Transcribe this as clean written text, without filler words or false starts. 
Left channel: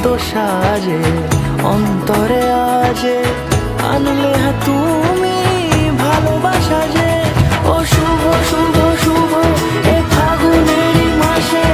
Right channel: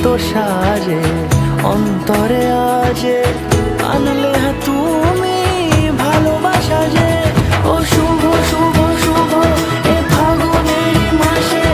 এত সাজে অন্তরে আজে আনলে তুমি ভালোবাসা যে। ও শুভ শুভ শুভ এ ফাগুনেরই মাসে